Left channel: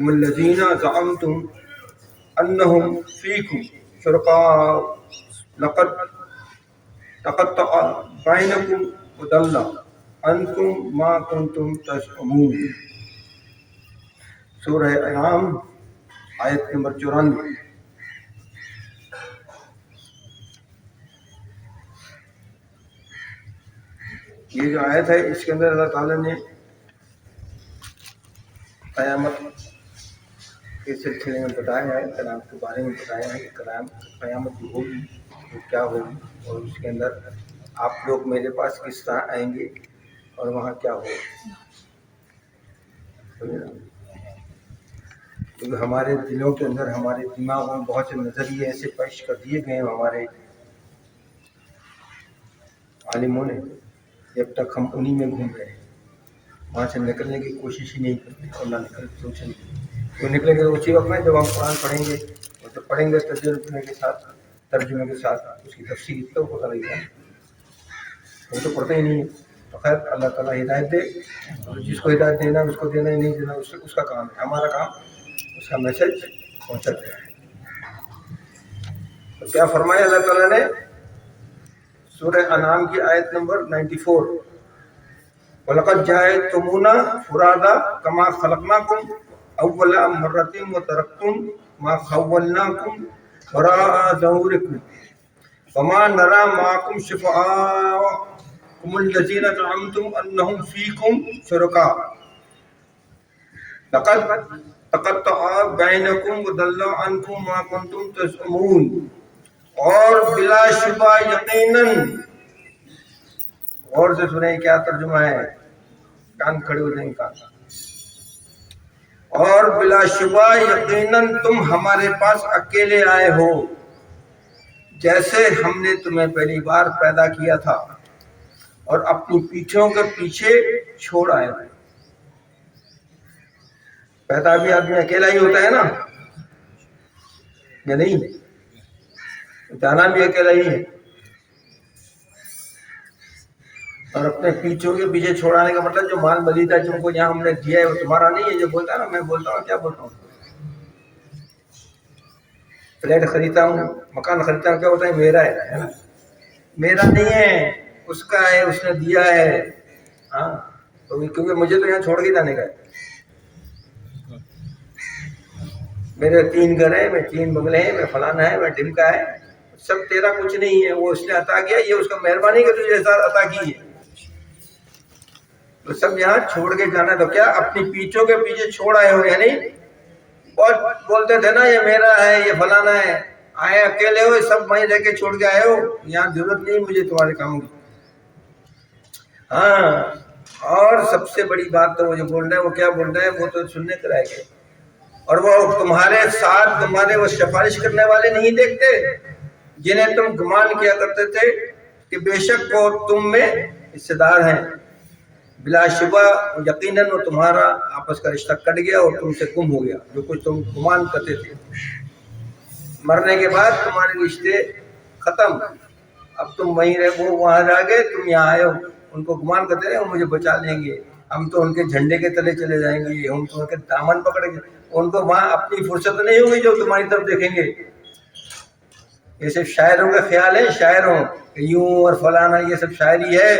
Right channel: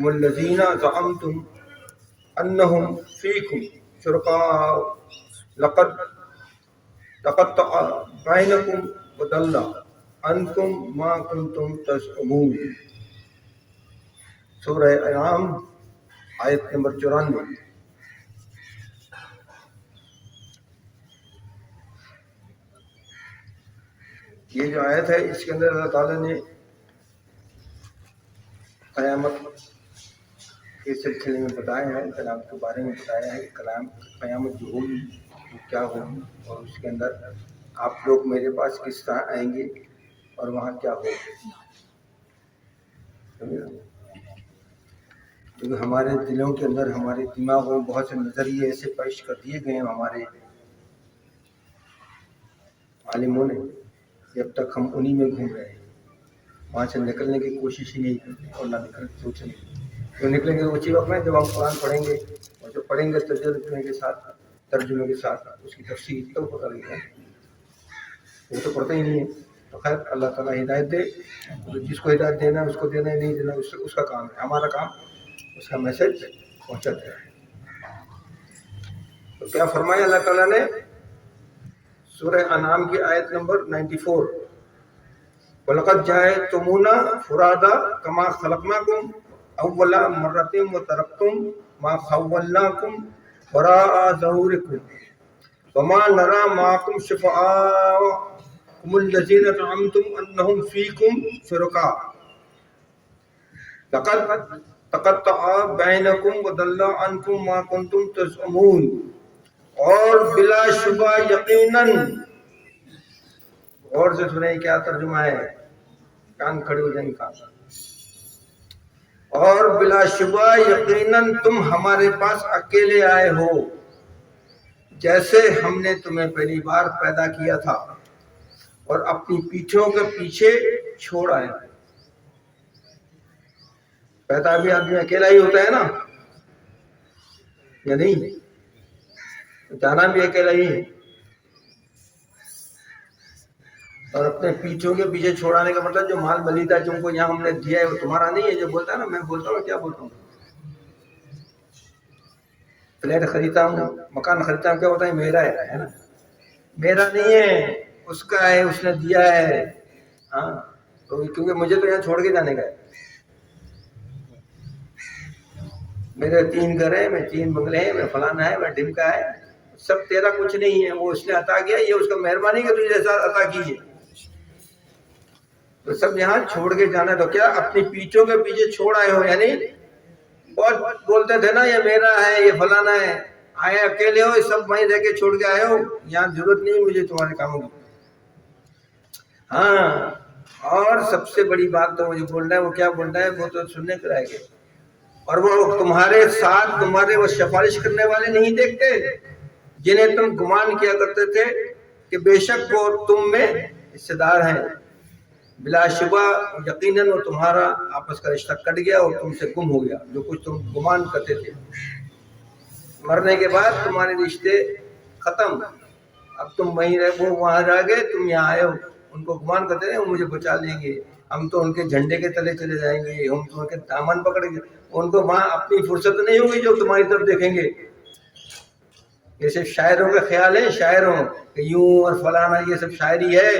الذین زعمتم انہم فیکم شرکاء لقد تقطع بینکم وضل عنکم ما کنتم تزعمون۔ سورہ انعام آیت نمبر 94۔ یہ جو آیت ہے اس کے اندر اللہ تعالیٰ نے قیامت کے سلسلے میں بتایا ہے، کلام کے بارے میں بتایا ہے کہ قیامت جو ہوگی وہ کیا ہوگی، اور اس کے اندر آپ لوگ میرے پاس کس طرح آئیں گے اور وہاں کیا ہوگا۔ کیونکہ ہمارے دلوں کے اندر، ہمارے دماغوں میں بہت سے نظریے ایسے پیش کر دیے گئے ہیں ہمارے عالموں نے، جب تک ہم انہی میں گھوم رہے ہیں، وہاں سے نکلنے کی کوشش ہی نہیں کرتے اور نہ سوچیں گے۔ تو نکلیں گے تو اسی وقت میں جب ہم قرآن پڑھیں گے، اور جب پڑھیں گے ترجمے کے ساتھ اس کی تفسیر تو پتہ لگے گا۔ وہ تو پڑھتے ہی نہیں ہے۔ تو خیر اللہ تعالیٰ ہدایت دے، اور جس کو ہدایت دینا اس کو دینا، ہی نہیں دینا اس کا کام ہے، ہمارا کام اس کا میسج پہنچاتا ہے۔ تو کیا فرمایا اللہ تعالیٰ نے سورہ انعام کی آیت نمبر 94، وَلَقَدْ جَاءَتْمُونَا فُرَادَىٰ كَمَا خَلَقْنَاكُمْ أَوَّلَ مَرَّةٍ وَتَرَكْتُمْ مَا خَوَّلْنَاكُمْ وَرَاءَ ظُهُورِكُمْ وَمَا نَرَىٰ مَعَكُمْ شُفَعَاءَكُمُ الَّذِينَ زَعَمْتُمْ أَنَّهُمْ فِيكُمْ شُرَكَاءُ لَقَدْ تَقَطَّعَ بَيْنَكُمْ وَضَلَّ عَنكُمْ مَا كُنتُمْ تَزْعُمُونَ۔ اور بلا شبہ یقیناً، غور سے سنیں کیا ترجمہ ہے، کان کھڑے ہو جائیں کان۔ اور بلا شبہ یقیناً تم ہمارے پاس اکیلے آئے ہو، جیسے ہم نے تمہیں پہلی بار پیدا کیا تھا اور اپنی پیٹھوں کے پیچھے چھوڑ آئے ہو۔ پیدا بھی آدمی اکیلا ہی ہوتا ہے نا، یا نہیں؟ جانا بھی اکیلا ہی ہے، اور اپنے پیچھوں کے پیچھے چھوڑانے کا مطلب جو مال ملیدہ تم کو یہاں ہم نے دیا ہے وہ تمہارا نہیں ہے۔ جو بولتا ہے نا، میں بولتا ہوں، کیا بولتا ہوں، فلیٹ خریدتا ہوں، مکان خریدتا ہوں، کیا ہوتا ہے، میرا ہے نا، میرا نہیں ہے، اس کا ہے، اس نے دیا ہے۔ ہاں، کیونکہ مجھے تو یہاں چھوڑ کے جانے کا ہے۔ میرے 3 گھر ہیں، میں 3 بنگلے ہیں، میں فلانا ہے، میں ڈھمکا ہے، سب تیرا کچھ نہیں ہے، وہ اس نے عطا کیا، یہ اس کا مہربانی کہ تجھے ساتھ عطا کیجیے، تو سب یہاں چھوڑ کے جانا ہے۔ تو کیا اپنی پیٹھوں کے پیچھے چھوڑ آئے ہو، یعنی بہت بولتے تھے نا یہ میرا ہے، یہ فلانا ہے، آئے اکیلے ہو، سب وہیں رہ کے چھوڑ کے آئے ہو، یہاں ضرورت نہیں مجھے تمہارے کاموں کی۔ ہاں، اور سب سے بڑی بات تو مجھے بولنا ہے، وہ کیا بولنا ہے، وہ تو سننے کے رہ گئے۔ اور وہ تمہارے ساتھ تمہارے وہ سفارش کرنے والے نہیں دیکھتے جنہیں تم گمان کیا کرتے تھے کہ بے شک وہ تم میں حصے دار ہیں۔ بلا شبہ یقیناً وہ تمہارا آپس کا رشتہ کٹ گیا اور تم سے گم ہو گیا، جو کچھ تم گمان کرتے تھے۔ مرنے کے بعد تمہارے رشتے ختم، اب تم وہیں رہے، وہ وہاں رہ گئے، تم یہاں آئے ہو، ان کو گمان کرتے رہے وہ مجھے بچا لیں گے، ہم تو ان کے جھنڈے کے تلے چلے جائیں گے، ہم تو ان کے دامن پکڑیں گے۔ ان کو وہاں اپنی فرصت نہیں ہوگی جو تمہاری طرف دیکھیں گے۔ یہ صرف شاعروں کا خیال ہے، شاعروں کہ یوں اور فلانا، یہ سب شاعری ہے،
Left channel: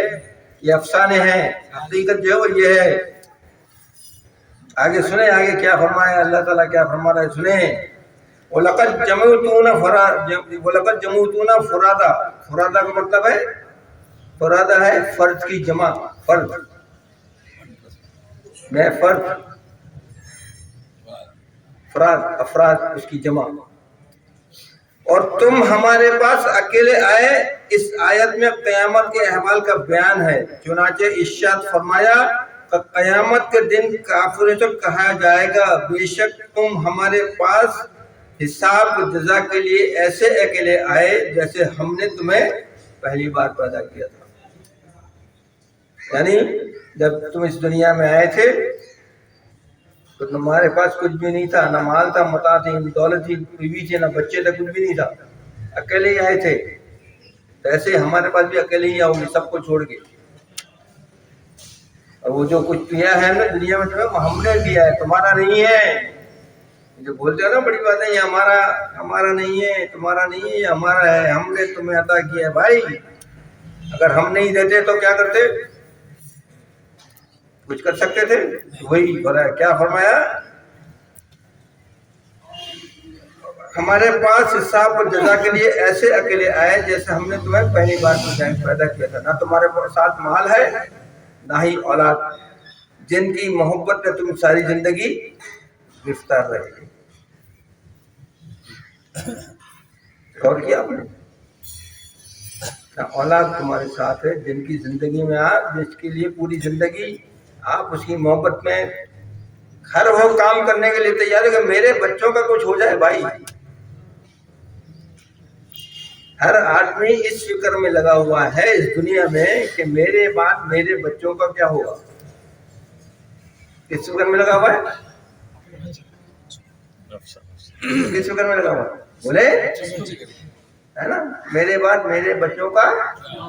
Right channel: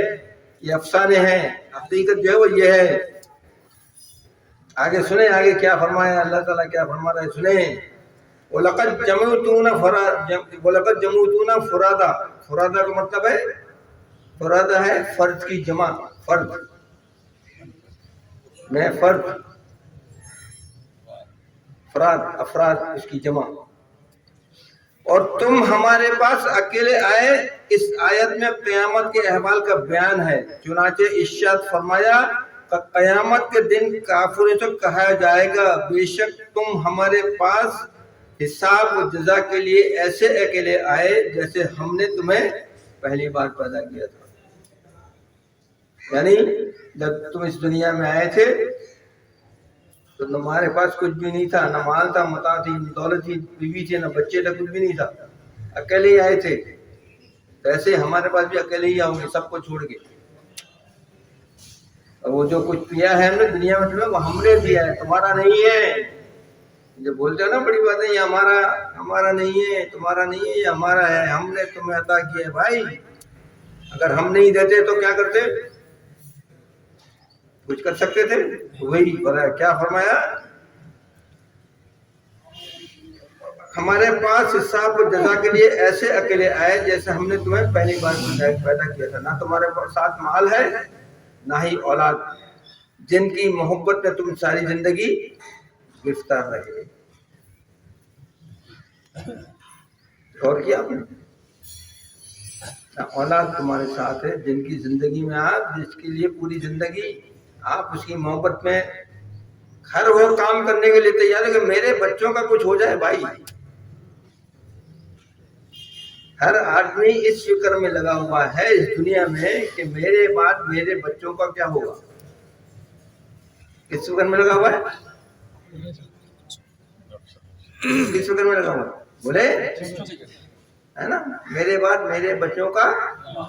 یہ افسانے ہیں، حقیقت جو ہے وہ یہ ہے۔ آگے سنیں، آگے کیا فرمایا اللہ تعالیٰ، کیا فرما رہا ہے، سنیں۔ وَلَقَدْ جَمَعْتُونَ فُرَادَىٰ، فرادہ کا مطلب ہے، فرادہ ہے فرد کی جمع، فرد میں فرد، افراد اس کی جمع۔ اور تم ہمارے پاس اکیلے آئے، اس آیت میں قیامت کے احوال کا بیان ہے۔ چنانچہ ارشاد فرمایا کہ قیامت کے دن کافروں سے کہا جائے گا بے شک تم ہمارے پاس حساب و جزا کے لیے ایسے اکیلے آئے جیسے ہم نے تمہیں پہلی بار پیدا کیا تھا۔ یعنی جب تم اس دنیا میں آئے تھے تو تمہارے پاس کچھ بھی نہیں تھا، نہ مال تھا، متاع تھی، نہ دولت تھی، بیوی تھی، نہ بچے تھے، کچھ بھی نہیں تھا، اکیلے ہی آئے تھے۔ تو ایسے ہمارے پاس بھی اکیلے ہی آؤ گے، سب کو چھوڑ کے۔ اور وہ جو کچھ دیا ہے ہم نے دنیا میں تمہیں، وہ ہم نے دیا ہے، تمہارا نہیں ہے۔ جو بولتے ہیں نا بڑی بات ہے، یہ ہمارا نہیں ہے، تمہارا نہیں ہے، یہ ہمارا ہے، ہم نے تمہیں عطا کیا ہے۔ بھائی اگر ہم نہیں دیتے تو کیا کرتے؟ کچھ کر سکتے تھے؟ وہی کیا فرمایا، ہمارے پاس حساب اور جزا کے لیے ایسے اکیلے آئے جیسے ہم نے تمہیں پہلی بار پیدا کیا تھا۔ نہ تمہارے ساتھ مال ہے نہ ہی اولاد، جن کی محبت میں تم ساری زندگی گرفتار رہے۔ اور کیا آپ نے، اولاد تمہارے ساتھ ہے جن کی زندگی میں آپ، جس کے لیے پوری زندگی آپ اس کی محبت میں ہر وہ کام کرنے کے لیے تیار ہے کہ میرے بچوں کا کچھ ہو جائے۔ بھائی ہر آدمی اس فکر میں لگا ہوا ہے اس دنیا میں کہ میرے بعد میرے بچوں کا کیا ہوگا، کس فکر میں لگا ہوا ہے؟ کس فکر میں لگا ہوا ہے؟ بولے ہے نا، میرے بعد میرے بچوں کا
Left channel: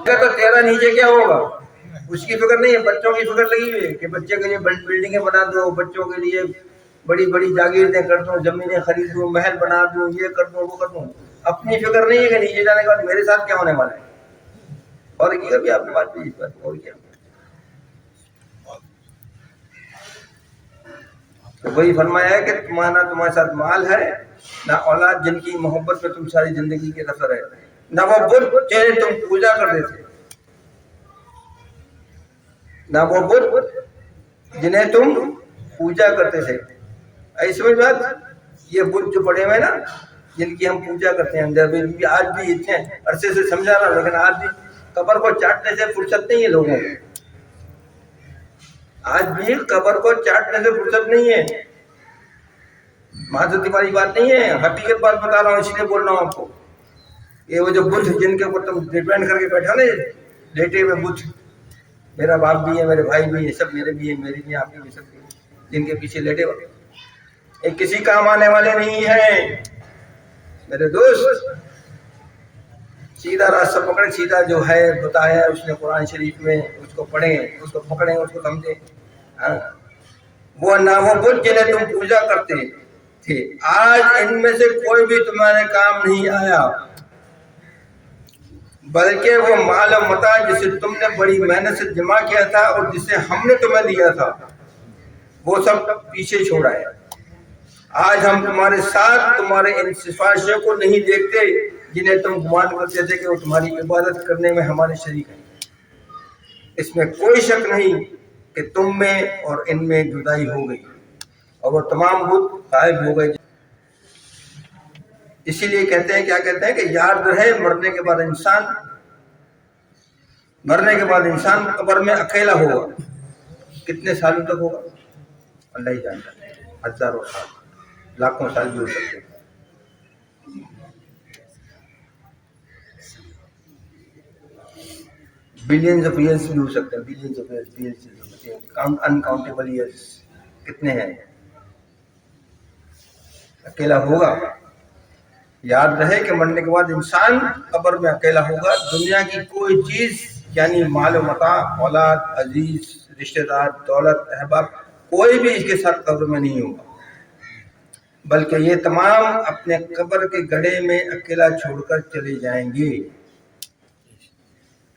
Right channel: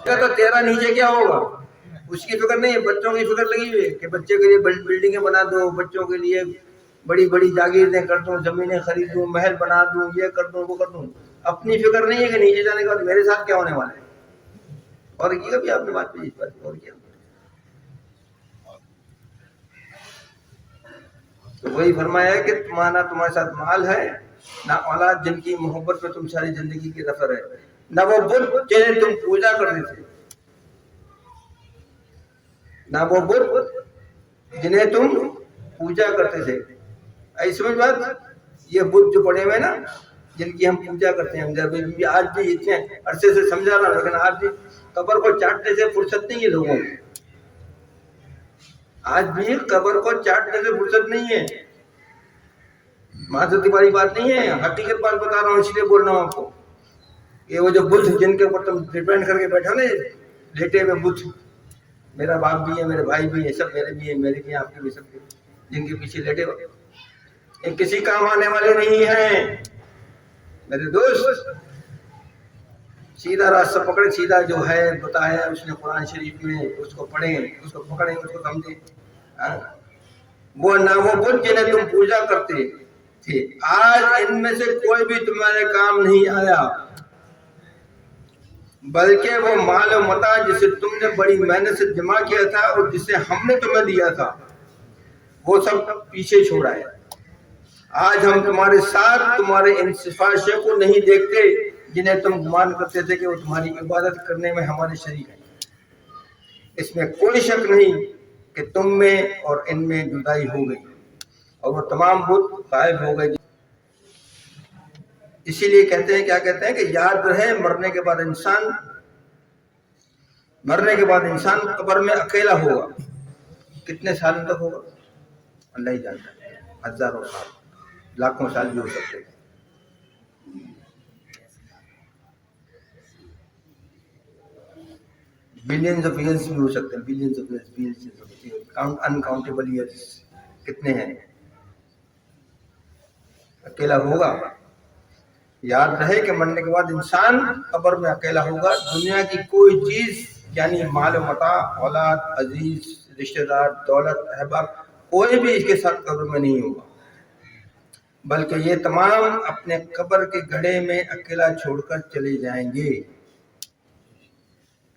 تو تیرا نیچے کیا ہوگا اس کی فکر نہیں ہے، بچوں کی فکر لگی ہوئی ہے کہ بچے کے لیے بلڈنگیں بنا دو، بچوں کے لیے بڑی بڑی جاگیریں کر دوں، زمینیں خرید دوں، محل بنا دوں، یہ کر دوں وہ کر دوں۔ اپنی فکر نہیں ہے کہ نیچے جانے کے بعد میرے ساتھ کیا ہونے والا ہے۔ اور کیا بھی آپ نے بات کی اس پر، اور کیا تو وہی فرمایا ہے کہ تمہارے ساتھ مال ہے نہ اولاد، جن کی محبت میں تم ساری زندگی کے رفر ہے، نہ وہ بت جنہیں تم پوجا کرتے تھے، نہ وہ بت جنہیں تم پوجا کرتے تھے۔ ایسی سمجھ بات، یہ بت جو پڑے ہوئے نا جن کی ہم پوجا کرتے ہیں اندر بھی، آج بھی اتنے عرصے سے سمجھا رہا، لیکن آج بھی قبر کو چاٹنے سے فرصت نہیں ہے لوگوں کو، آج بھی قبر کو چاٹنے سے فرصت نہیں ہے۔ معذرتی والی بات نہیں ہے، حقیقت بات بتا رہا ہوں، اس لیے بول رہا ہوں آپ کو کہ وہ جو بت جن کے اوپر تم ڈیپینڈ کر کے بیٹھا نا، لیٹے ہوئے بت، میرا باپ بھی ہے، میرے بھائی بھی ہے، سب میرے بھی ہیں، میرے بھی، آپ کے بھی، سب کے، جن کے پیچھے لیٹے ہوئے یہ کسی کام آنے والے نہیں ہیں میرے دوست۔ سیدھا راستہ پکڑیں، سیدھا جو ہے بتایا اس نے قرآن شریف میں، اس کو پڑھیں، اس کو پکڑیں، اس کو سمجھیں۔ وہ نہ وہ بت جنہیں تم پوجا کرتے تھے، آج ان میں سے کوئی بھی تمہارے کام نہیں آیا، بلکہ وہ مال و متاع جسے تم نے بڑی محنت سے جمع کیا تھا اور جسے ہم نے تمہیں دیا تھا، وہ سب پیچھے چھوڑا ہے۔ آج ہم تمہارے ساتھ تمہارے ان سفارشوں کو نہیں دیکھتے جنہیں تم گمان کرتے تھے کہ وہ تمہاری عبادت کرنے میں ہمارے شریک ہیں۔ اس میں کوئی شک نہیں کہ تم میں اور ان میں جدائی ہو گئی اور وہ تمام بت غائب ہو گئے۔ اسی لیے کہتے ہیں، کیا کہتے ہیں کہ یاد رہے مرنے کے بعد انسان قبر میں اکیلا ہوگا۔ کتنے سالوں تک ہوگا اللہ ہی جانتا ہے، ہزاروں سال، لاکھوں سال بھی ہو سکتے ہیں۔ بلینز آف ایئرس بھی ہو سکتے ہیں، billions of years, uncountable years کتنے ہیں، اکیلا ہوگا۔ یاد رہے کہ مرنے کے بعد انسان قبر میں اکیلا ہوگا۔ دنیا کی کوئی چیز یعنی مال و متاع، اولاد، عزیز، رشتہ دار، دولت، احباب، کوئی بھی اس کے ساتھ قبر میں نہیں ہوگا، بلکہ یہ تمام اپنے قبر کے گڑھے میں اکیلا چھوڑ کر چلے جائیں گے۔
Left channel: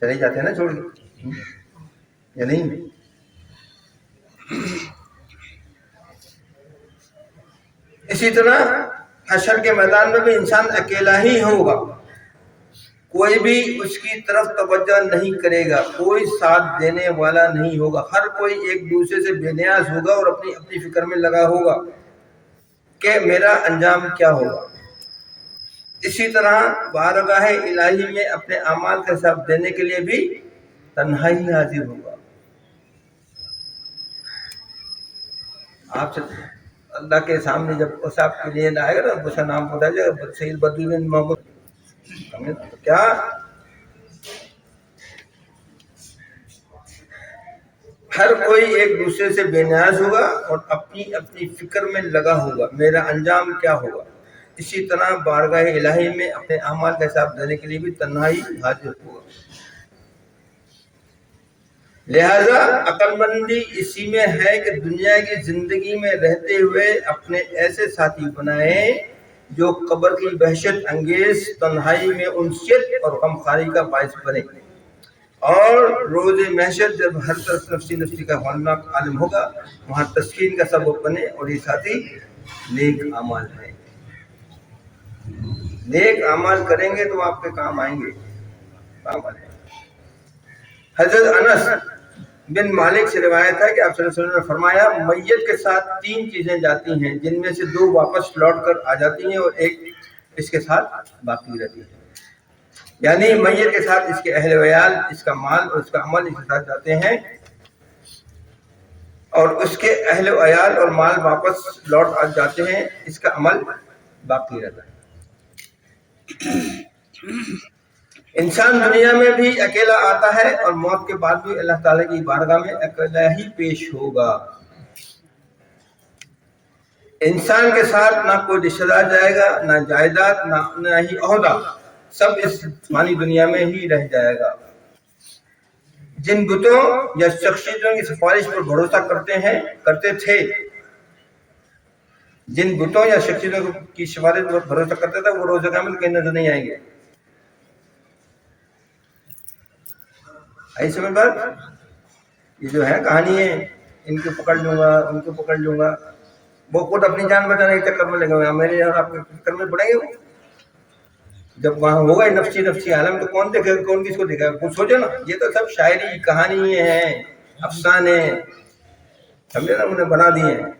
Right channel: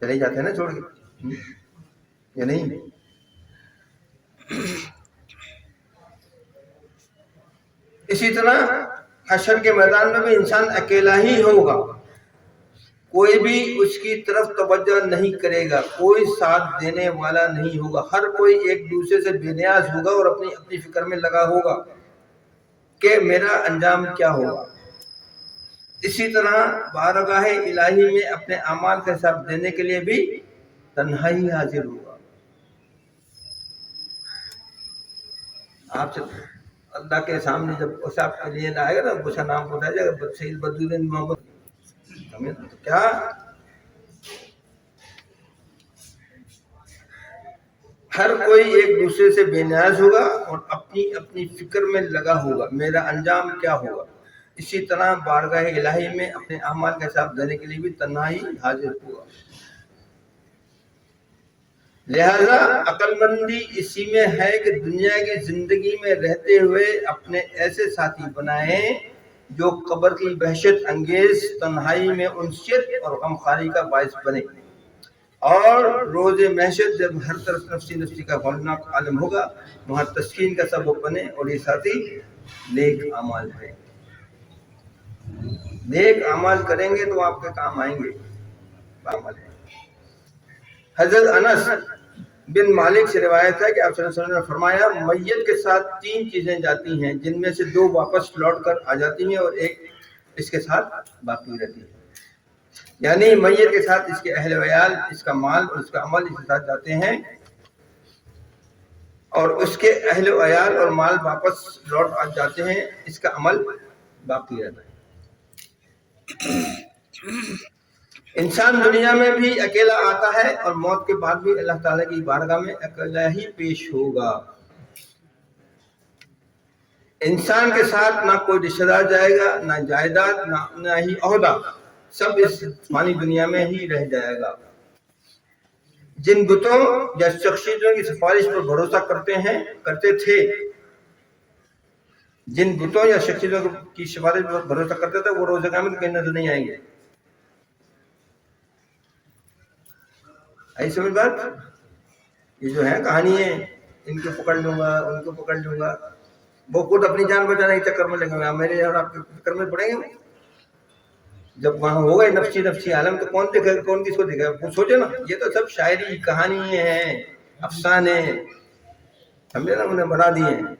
چلے جاتے ہیں نا چھوڑ کے، یا نہیں؟ اسی طرح حشر کے میدان میں بھی انسان اکیلا ہی ہوگا، کوئی بھی اس کی طرف توجہ نہیں کرے گا، کوئی ساتھ دینے والا نہیں ہوگا، ہر کوئی ایک دوسرے سے بے نیاز ہوگا اور اپنی اپنی فکر میں لگا ہوگا کہ میرا انجام کیا ہوگا۔ اسی طرح بارگاہ الہی میں اپنے اعمال کا حساب دینے کے لیے بھی تنہائی حاضر ہوگا۔ آپ سے اللہ کے سامنے جب حساب کے لیے آئے گا نا، اس کا نام بتایا جائے گا، سید بدرالدین محمد، تو کیا ہر کوئی ایک دوسرے سے بے نیاز ہوگا اور اپنی اپنی فکر میں لگا ہوگا میرا انجام کیا ہوگا۔ اسی طرح بارگاہ الہی میں اپنے اعمال کا حساب دینے کے لیے بھی تنہائی حاضر ہوگا۔ لہذا عقل مندی اسی میں ہے کہ دنیا کی زندگی میں رہتے ہوئے اپنے ایسے ساتھی بنائیں جو قبر کی وحشت انگیز تنہائی میں انسیت اور غمخواری کا باعث بنے، اور روز محشر جب ہر طرف نفسی نفسی کا ہولناک عالم ہوگا وہاں تسکین کا سبب بنے، اور یہ ساتھی نیک اعمال ہے۔ نیک اعمال کریں گے تو آپ کے کام آئیں گے، کام آئیں گے۔ حضرت انس بن مالک سے روایت ہے کہ آپ صلی اللہ علیہ وسلم نے فرمایا میت کے ساتھ 3 چیزیں جاتی ہیں جن میں سے 2 واپس لوٹ کر آ جاتی ہیں اور ایک اس کے ساتھ باقی رہتی ہے، یعنی میت کے ساتھ اس کے اہل ویال، اس کا مال اور اس کا عمل اس کے ساتھ جاتے ہیں، اور اس کے اہل ویال اور مال واپس لوٹ آ جاتے ہیں، اس کا عمل باقی رہتا ہے۔ انسان دنیا میں بھی اکیلا آتا ہے اور موت کے بعد بھی اللہ تعالیٰ کی بارگاہ میں اکیلا ہی پیش ہوگا۔ انسان کے ساتھ نہ کوئی رشتہ دار جائے گا، نہ جائیداد، نہ ہی عہدہ، سب اس فانی دنیا میں ہی رہ جائے گا۔ جن بتوں یا شخصیتوں کی سفارش پر بھروسہ کرتے تھے، جن بتوں یا شخصیتوں کی سفارش پر بھروسہ کرتے تھے وہ روز قیامت کہیں نظر نہیں آئیں گے۔ آئی سمجھ بات؟ یہ جو ہے کہانی ہے ان کو پکڑ لوں گا ان کو پکڑ لوں گا، وہ خود اپنی جان بچانے کے چکر میں لگے ہوئے، میرے اور آپ کے چکر میں پڑیں گے۔ وہ جب وہاں ہو گئے نفسی عالم تو کون دیکھے گا، کون کس کو دیکھے گا؟ سوچے نا، یہ تو سب شاعری کہانی ہیں، افسانے، سمجھے نا، انہیں بنا دیے ہیں۔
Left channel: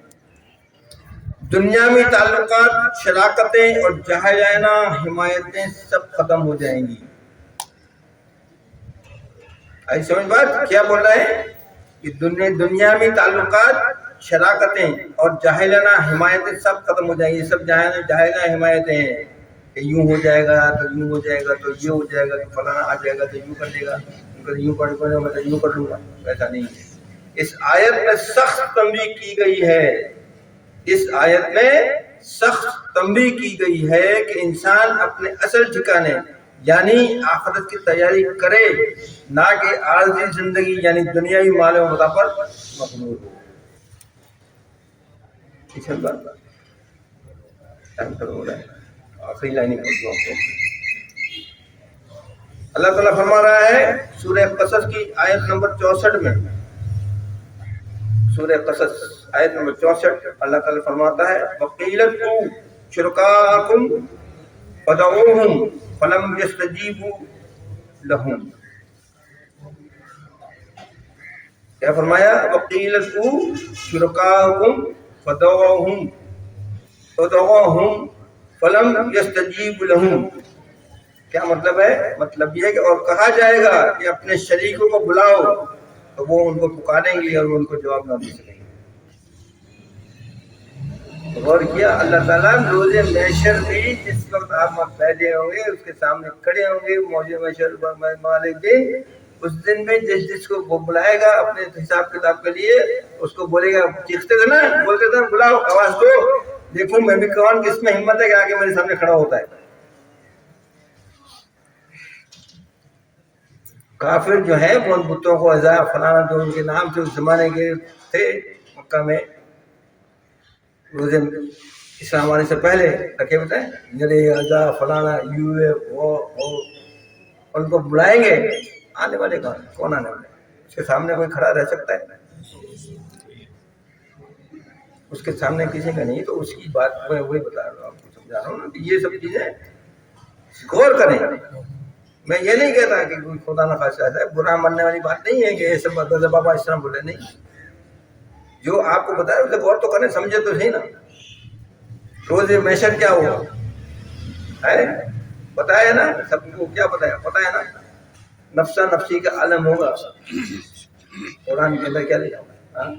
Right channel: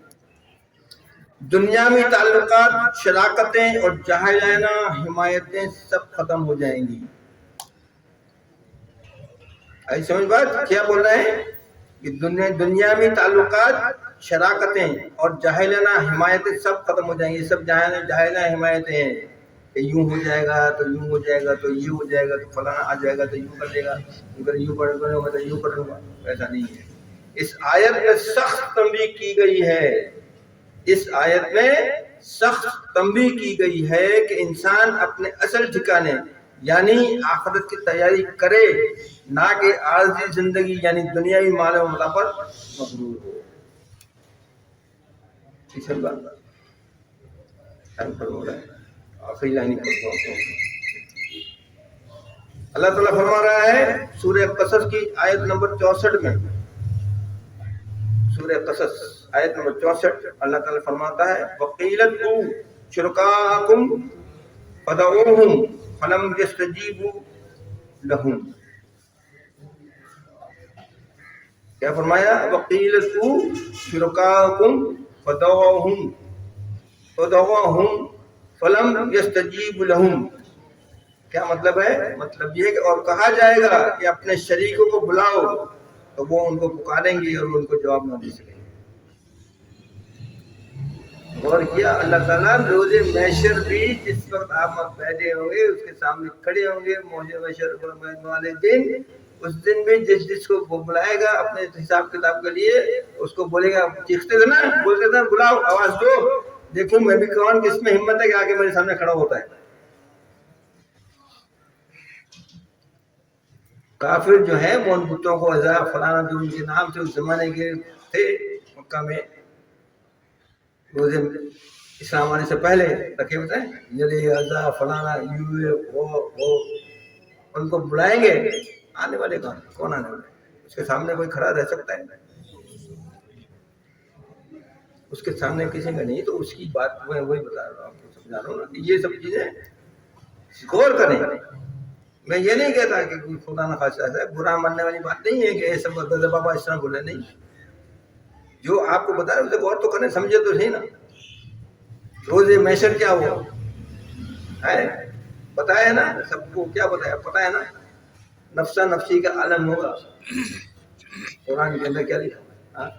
دنیاوی تعلقات، شراکتیں اور جاہلانہ حمایتیں سب ختم ہو جائیں گی۔ آئی سمجھ بات؟ کیا بول رہے ہیں کہ دنیاوی تعلقات، شراکتیں اور جاہلانہ حمایتیں سب ختم ہو جائیں گی۔ یہ سب جاہلانہ حمایتیں ہیں کہ یوں ہو جائے گا تو یوں ہو جائے گا تو یہ ہو جائے گا تو فلانا آ جائے گا تو یوں کر لے گا، یوں کر لوں گا تو یوں کر لوں گا۔ ایسا نہیں ہے۔ اس آیت میں سخت تنبیہ کی گئی ہے، اس آیت میں سخت تنبیہ کی گئی ہے کہ انسان اپنے اصل ٹھکانے یعنی آخرت کی تیاری کرے، نہ کہ عارضی زندگی یعنی دنیاوی مال و متاع پر مغرور ہو۔ اس میں بات آخری لائن پڑھتا ہوں۔ اللہ تعالیٰ فرما رہا ہے سورہ قصص کی آیت نمبر 64 میں، سورہ قصص آیت نمبر 64، اللہ تعالیٰ فرماتا ہے وَقِيلَ ادْعُوا شُرَكَاءَكُمْ فَدَعُوهُمْ فَلَمْ يَسْتَجِيبُوا لَهُمْ۔ کیا فرمایا؟ وَقِيلَ ادْعُوا شُرَكَاءَكُمْ فَدَعُوهُمْ فَلَمْ يَسْتَجِيبُوا لَهُمْ۔ کیا مطلب ہے؟ مطلب یہ کہ اور کہا جائے گا کہ اپنے شریکوں کو بلاؤ تو وہ ان کو پکاریں گے اور ان کو جواب نہ دے سکیں گے۔ اور کیا اللہ تعالیٰ روز محشر بھی جس وقت آپ بیٹھے ہوں گے اس کے سامنے کھڑے ہوں گے موج محشر والے دن، اس دن میں جس کو وہ بلائے گا اپنے حساب کتاب کے لیے، اس کو بولے گا، چیختے تھے نا، بولتے تھے بلاؤ، آواز دو، دیکھوں میں بھی کون کس میں ہمت ہے کہ آگے میرے سامنے کھڑا ہوتا ہے۔ کافر جو ہے ان بتوں کو عزا فلانا جو ان کے نام سے اس زمانے کے تھے مکہ میں، روز اسلام آنے سے پہلے رکھے ہوتے ہیں، یعنی عزا فلانا وہ ان کو بلائیں گے، آنے والے کون آنے والے؟ اس کے سامنے کوئی کھڑا رہ سکتا ہے؟ اس کے سامنے کسی کا نہیں۔ تو اس کی بات میں وہی بتا رہا ہوں، آپ کو سمجھا رہا ہوں نا کہ یہ سب چیزیں غور کریں۔ میں یہ نہیں کہتا کہ کوئی خدا نہ خاصا ہے، برا ماننے والی بات نہیں ہے کہ یہ سب بابا اس طرح بولے، نہیں، جو آپ کو بتایا اسے غور تو کریں، سمجھے تو صحیح نا۔ روز محشر کیا ہوا ہے بتایا نا، سب کو کیا بتایا پتا ہے نا، نفسا نفسی کا عالم ہوگا۔ قرآن کے اندر کیا لکھا ہے؟